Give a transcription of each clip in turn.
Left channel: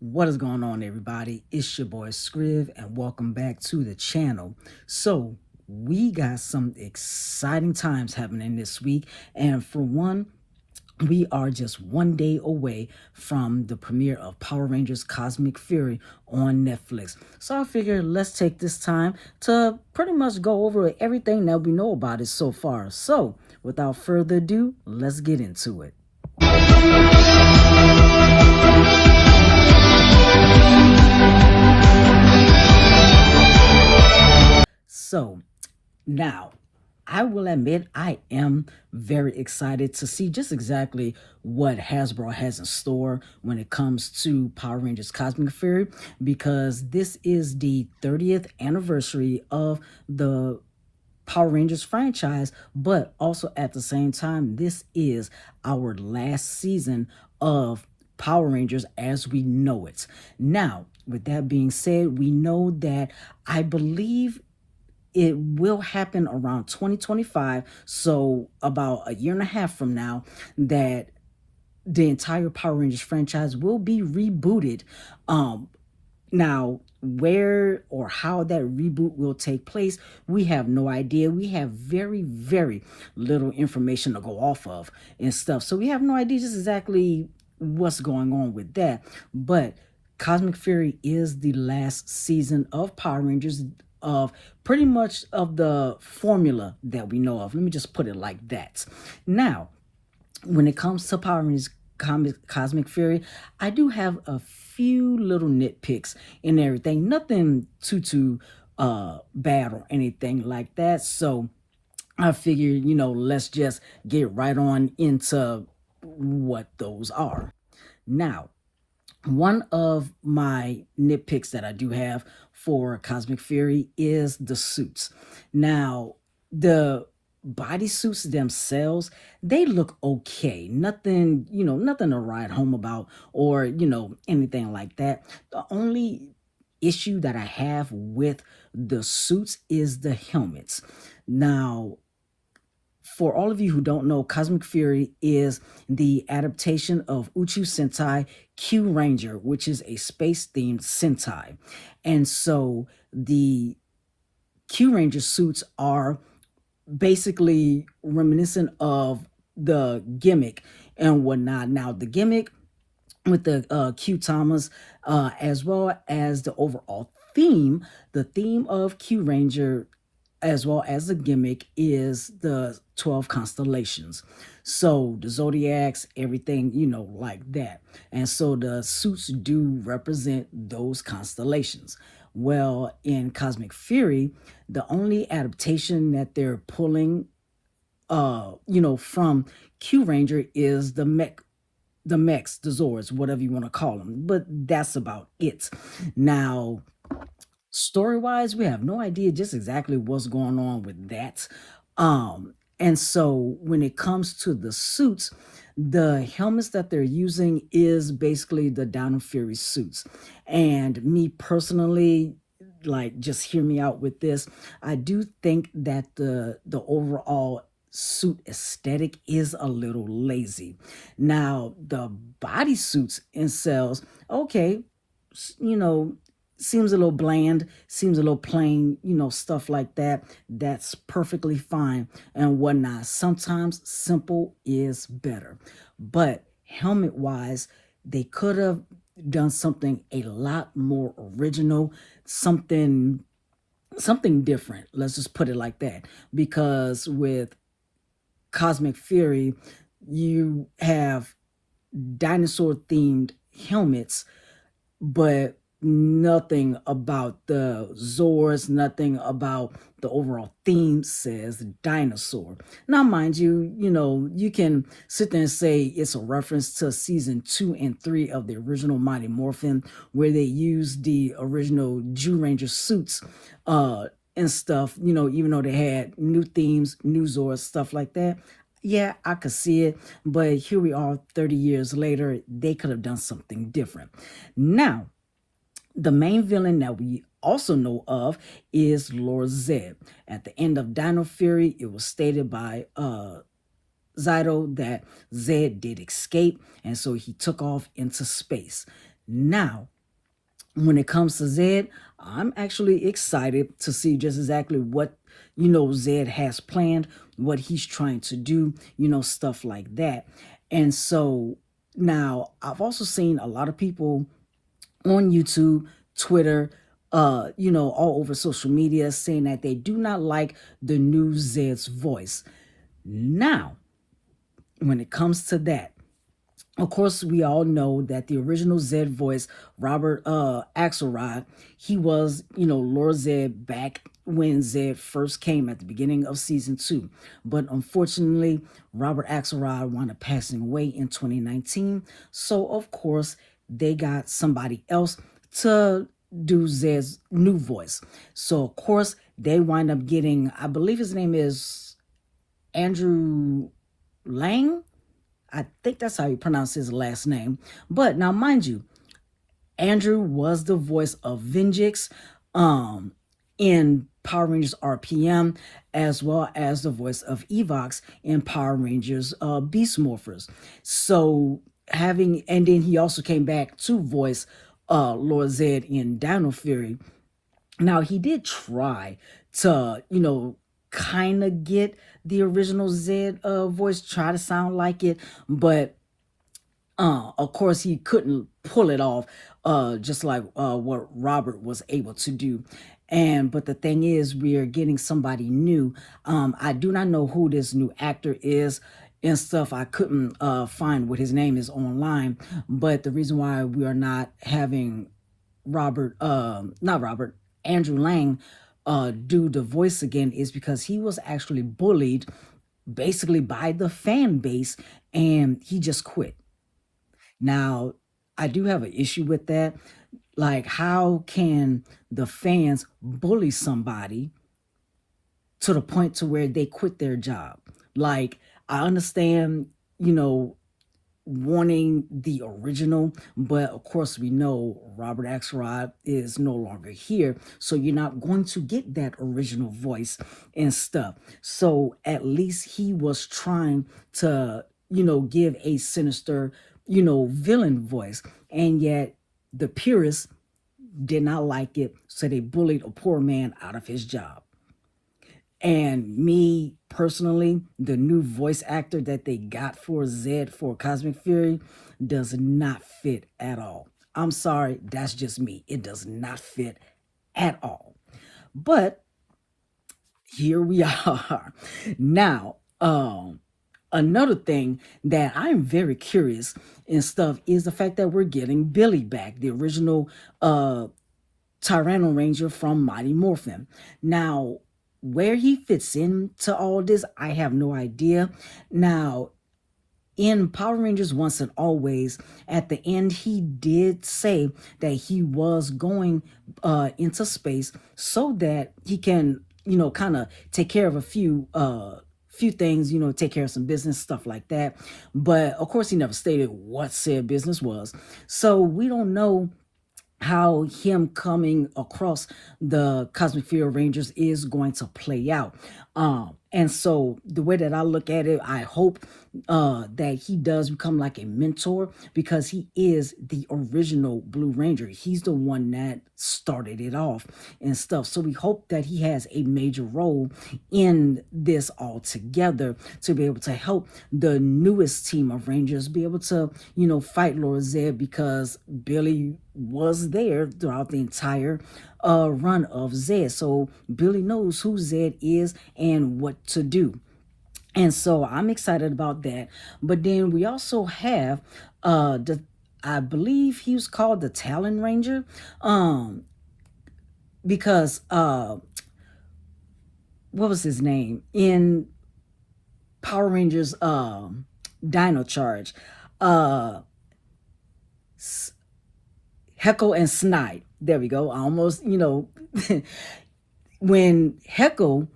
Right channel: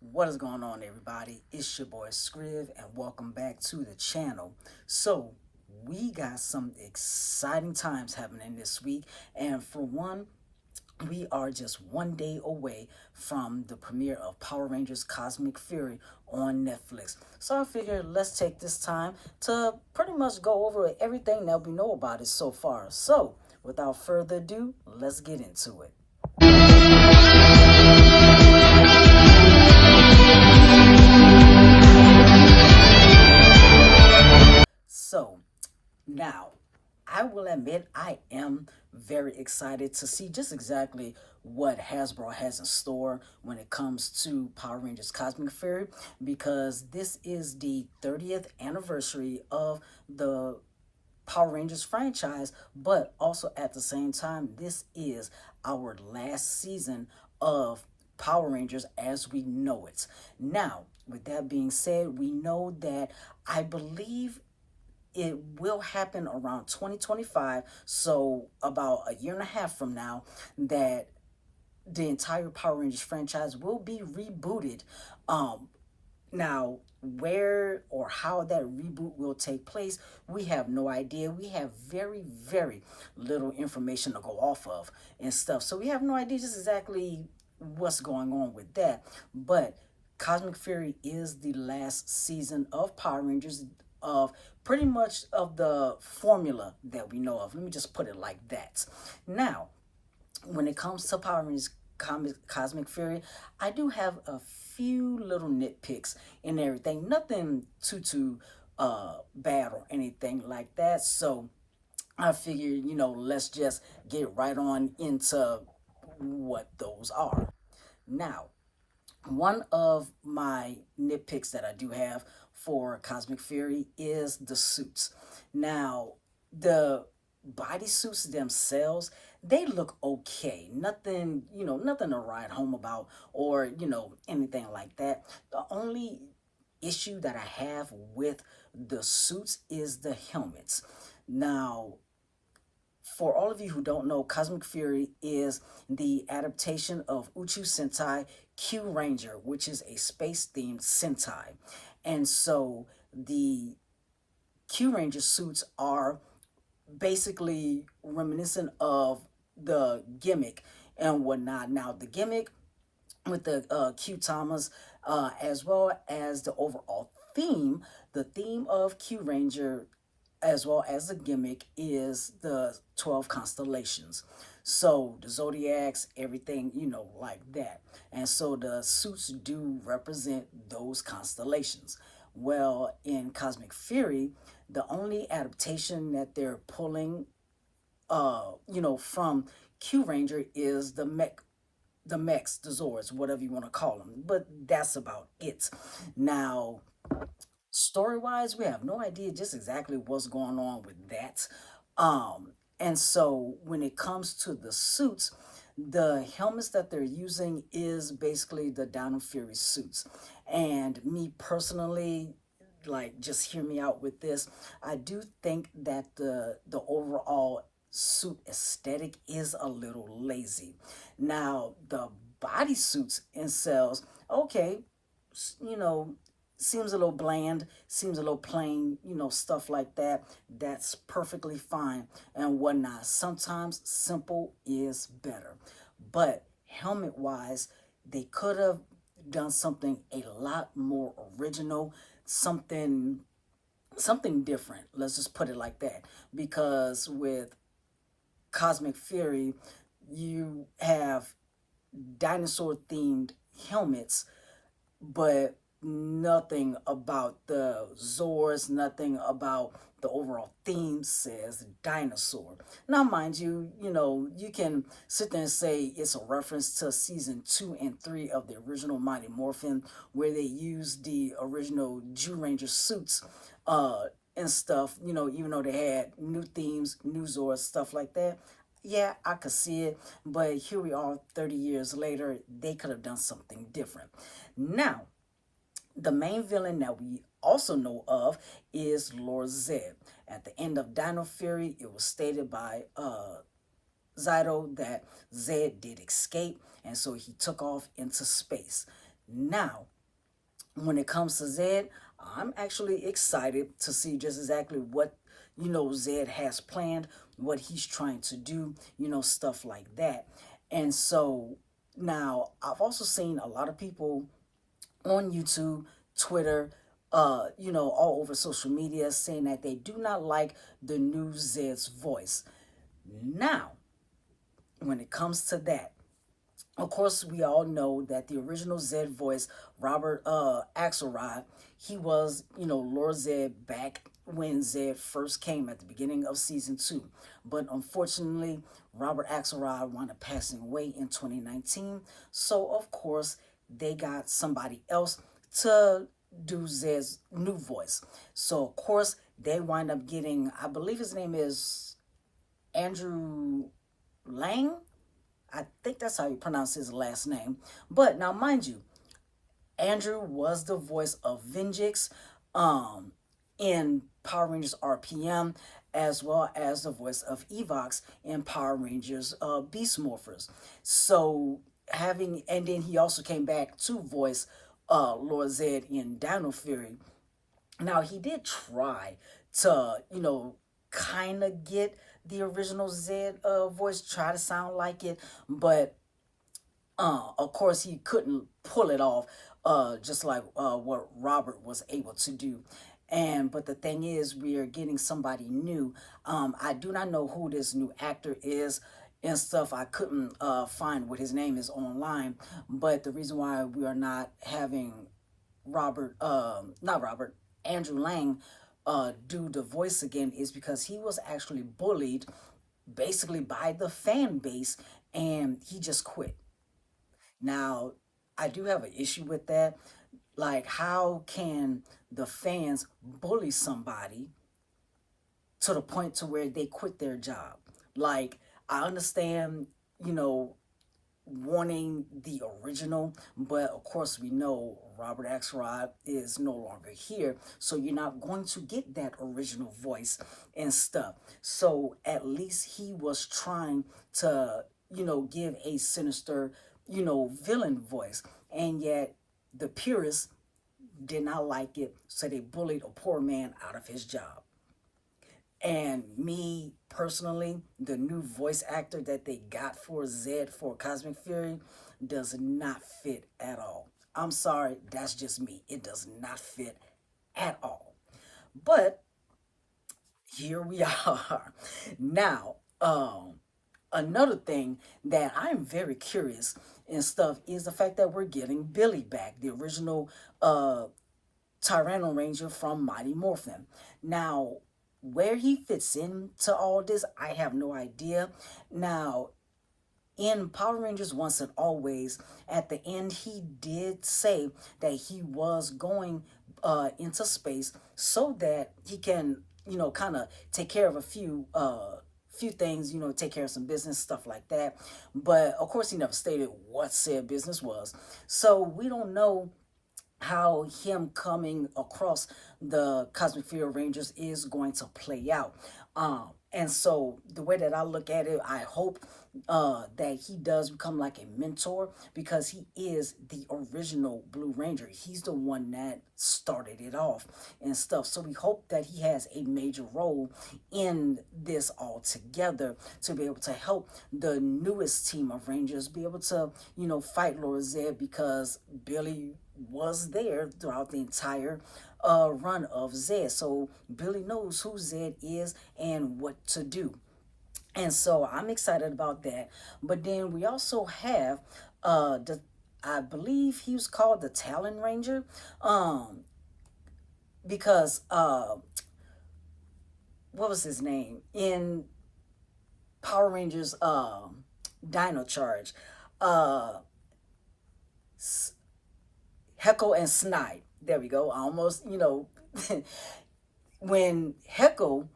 What is going on, everybody? It's your boy Scriv, and welcome back to the channel. So, we got some exciting times happening this week, and for one, we are just one day away from the premiere of Power Rangers Cosmic Fury on Netflix. So I figured let's take this time to pretty much go over everything that we know about it so far. So, without further ado, let's get into it. So, now, I will admit I am very excited to see just exactly what Hasbro has in store when it comes to Power Rangers Cosmic Fury, because this is the 30th anniversary of the Power Rangers franchise, but also at the same time, this is our last season of Power Rangers as we know it. Now, with that being said, we know that I believe it will happen around 2025, so about a year and a half from now, that the entire Power Rangers franchise will be rebooted. Now, where or how that reboot will take place, we have no idea. We have very, very little information to go off of and stuff, so we have no idea just exactly what's going on with that. But Cosmic Fury is the last season of Power Rangers, of pretty much of the formula that we know of. Let me just put it like that. Now, when it comes to Power Rangers Cosmic Fury, I do have a few little nitpicks and everything. Nothing too bad or anything like that. So I figured, let's just get right on into what those are. Now, one of my nitpicks that I do have for Cosmic Fury is the suits. Now, the bodysuits themselves, they look okay. Nothing, nothing to write home about or, anything like that. The only issue that I have with the suits is the helmets. Now, for all of you who don't know, Cosmic Fury is the adaptation of Uchu Sentai Q Ranger, which is a space-themed Sentai. And so the Q Ranger suits are basically reminiscent of the gimmick and whatnot. Now, the gimmick with the Q Tamas, as well as the overall theme, the theme of Q Ranger as well as the gimmick is the 12 constellations. So the zodiacs, everything, like that. And so the suits do represent those constellations. Well, in Cosmic Fury, the only adaptation that they're pulling from Q Ranger is the mechs, the Zords, whatever you want to call them. But that's about it. Now, story wise, we have no idea just exactly what's going on with that. And so when it comes to the suits, the helmets that they're using is basically the Dino Fury suits. And me personally, like, just hear me out with this, I do think that the overall suit aesthetic is a little lazy. Now, the bodysuits themselves, okay, you know, seems a little bland, seems a little plain, stuff like that. That's perfectly fine and whatnot. Sometimes simple is better. But helmet wise, they could have done something a lot more original, something different. Let's just put it like that. Because with Cosmic Fury, you have dinosaur themed helmets, but nothing about the Zords, nothing about the overall theme says dinosaur. Now, mind you, you can sit there and say it's a reference to season 2 and 3 of the original Mighty Morphin, where they used the original Jew Ranger suits and stuff, even though they had new themes, new Zords, stuff like that. Yeah, I could see it, but here we are 30 years later, they could have done something different. Now, the main villain that we also know of is Lord Zed. At the end of Dino Fury, it was stated by Zyto that Zed did escape, and so he took off into space. Now, when it comes to Zed, I'm actually excited to see just exactly what, Zed has planned, what he's trying to do, stuff like that. And so now I've also seen a lot of people on YouTube, Twitter, all over social media saying that they do not like the new Zed's voice. Now, when it comes to that, of course, we all know that the original Zed voice, Robert Axelrod, he was, Lord Zed back when Zed first came at the beginning of season 2. But unfortunately, Robert Axelrod wound up passing away in 2019. So, of course, they got somebody else to do Zed's new voice. So, of course, they wind up getting, I believe his name is Andrew Lang. I think that's how you pronounce his last name. But now, mind you, Andrew was the voice of Venjix in Power Rangers RPM, as well as the voice of Evox in Power Rangers Beast Morphers. So and then he also came back to voice Lord Zed in Dino Fury. Now, he did try to, kind of get the original Zed voice, try to sound like it, but of course, he couldn't pull it off, just like what Robert was able to do. But the thing is, we are getting somebody new. I do not know who this new actor is and stuff. I couldn't find what his name is online. But the reason why we are not having not Robert, Andrew Lang do the voice again is because he was actually bullied basically by the fan base and he just quit. Now, I do have an issue with that. Like, how can the fans bully somebody to the point to where they quit their job? Like, I understand, wanting the original, but of course we know Robert Axelrod is no longer here, so you're not going to get that original voice and stuff. So at least he was trying to, give a sinister, villain voice, and yet the purists did not like it, so they bullied a poor man out of his job. And me personally, the new voice actor that they got for Zed for Cosmic Fury does not fit at all. I'm sorry, that's just me. It does not fit at all. But here we are. Now, another thing that I'm very curious and stuff is the fact that we're getting Billy back, the original Talon Ranger from Mighty Morphin. Now, where he fits into all this, I have no idea. Now, in Power Rangers Once and Always, at the end, he did say that he was going into space so that he can, kind of take care of a few things, take care of some business, stuff like that. But of course, he never stated what said business was. So we don't know how him coming across the Cosmic Fury Rangers is going to play out. And so the way that I look at it, I hope that he does become like a mentor because he is the original Blue Ranger. He's the one that started it off and stuff. So we hope that he has a major role in this altogether to be able to help the newest team of Rangers be able to, fight Lord Zed because Billy was there throughout the entire run of Zed. So Billy knows who Zed is and what to do. And so I'm excited about that. But then we also have I believe he was called the Talon Ranger. Because what was his name? In Power Rangers Dino Charge. Heckle and Snide. There we go. I almost, when Heckle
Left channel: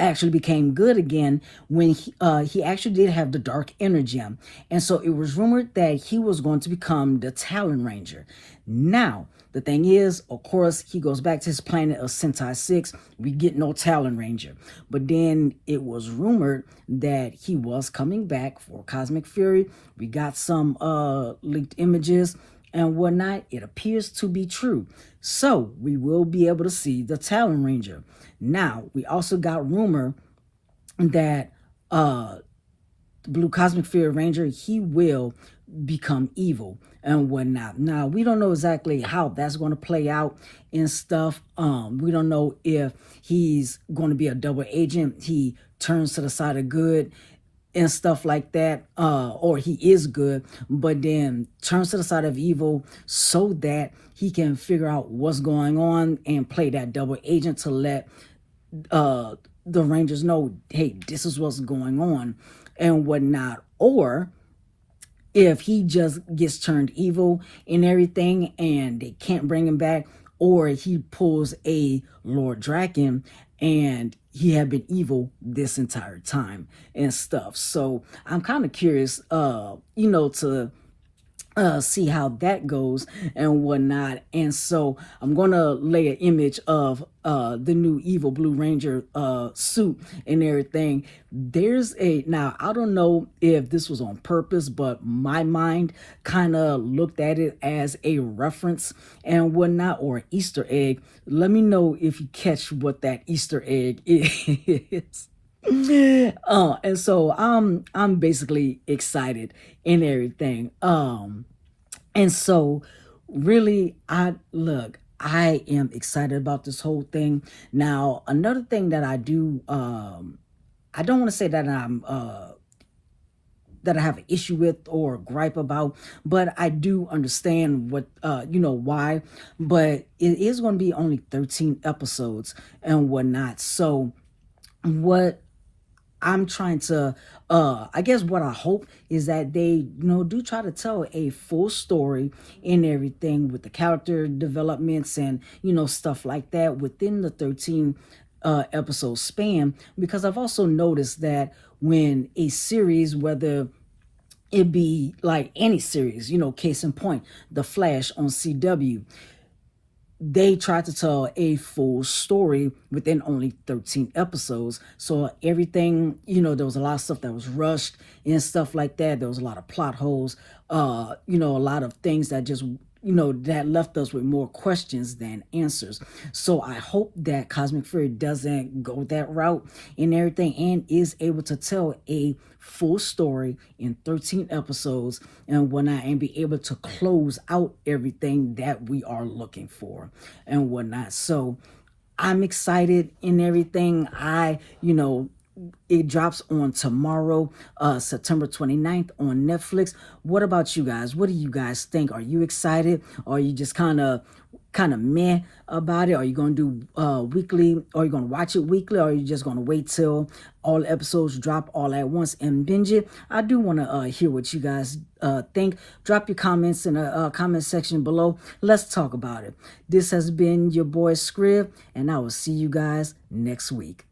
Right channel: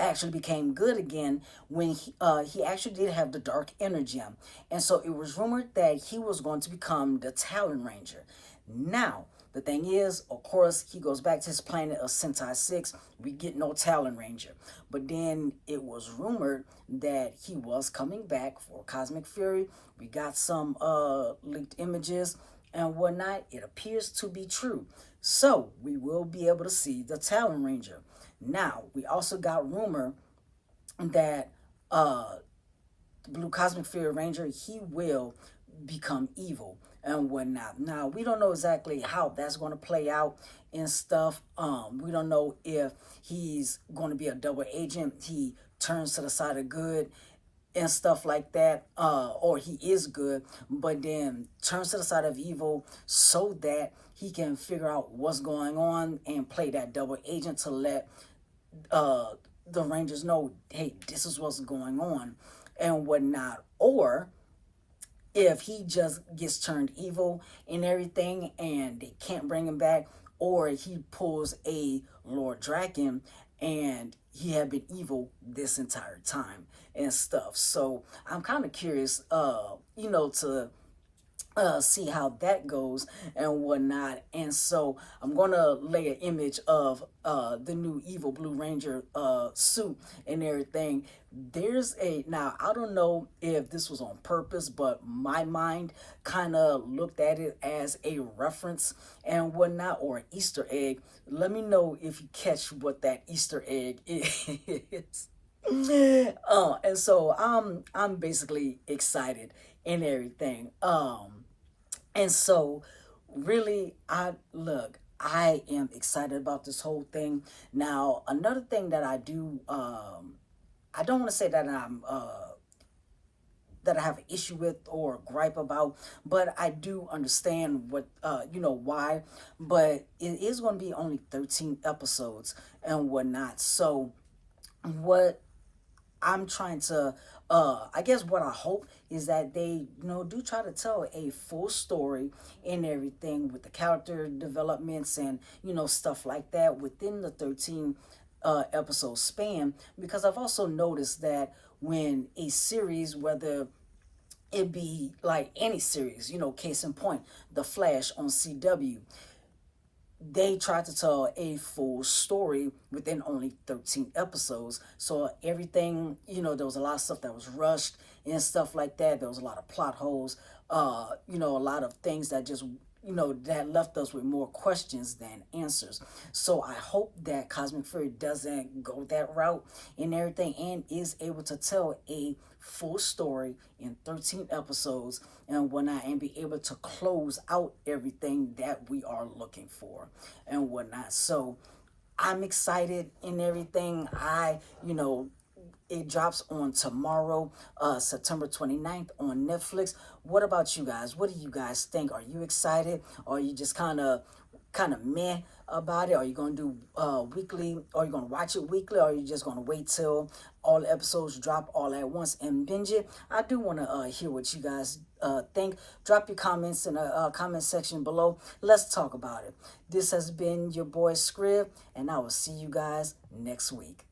actually became good again when he actually did have the dark energy, and so it was rumored that he was going to become the Talon Ranger. Now the thing is, of course, he goes back to his planet of Sentai 6. We get no Talon Ranger, but then it was rumored that he was coming back for Cosmic Fury. We got some leaked images, and whatnot, it appears to be true. So we will be able to see the Talon Ranger. Now, we also got rumor that Blue Cosmic Fear Ranger, he will become evil and whatnot. Now, we don't know exactly how that's going to play out and stuff. We don't know if he's going to be a double agent. He turns to the side of good and stuff like that, or he is good, but then turns to the side of evil so that he can figure out what's going on and play that double agent to let the Rangers know, hey, this is what's going on and whatnot. Or if he just gets turned evil and everything and they can't bring him back, or he pulls a Lord Draken and he had been evil this entire time and stuff. So I'm kind of curious, to see how that goes and whatnot. And so I'm gonna lay an image of the new evil Blue Ranger suit and everything. Now I don't know if this was on purpose, but my mind kind of looked at it as a reference and whatnot, or Easter egg. Let me know if you catch what that Easter egg is. And so I'm basically excited and everything. And so really I am excited about this whole thing. Now, another thing that I do, I don't want to say that that I have an issue with or gripe about, but I do understand what, why, but it is going to be only 13 episodes and whatnot. So what I'm trying to, I guess what I hope is that they, do try to tell a full story and everything with the character developments and, stuff like that within the 13 episode span. Because I've also noticed that when a series, whether it be like any series, case in point, The Flash on CW, they tried to tell a full story within only 13 episodes. So everything, there was a lot of stuff that was rushed and stuff like that. There was a lot of plot holes, a lot of things that just, that left us with more questions than answers. So I hope that Cosmic Fury doesn't go that route and everything and is able to tell a full story in 13 episodes and whatnot, and be able to close out everything that we are looking for and whatnot. So I'm excited and everything. It drops on tomorrow, September 29th on Netflix. What about you guys? What do you guys think? Are you excited? Or are you just kind of meh about it? Are you going to do weekly? Or are you going to watch it weekly? Or are you just going to wait till all episodes drop all at once and binge it? I do want to hear what you guys think. Drop your comments in the comment section below. Let's talk about it. This has been your boy Scrib, and I will see you guys next week.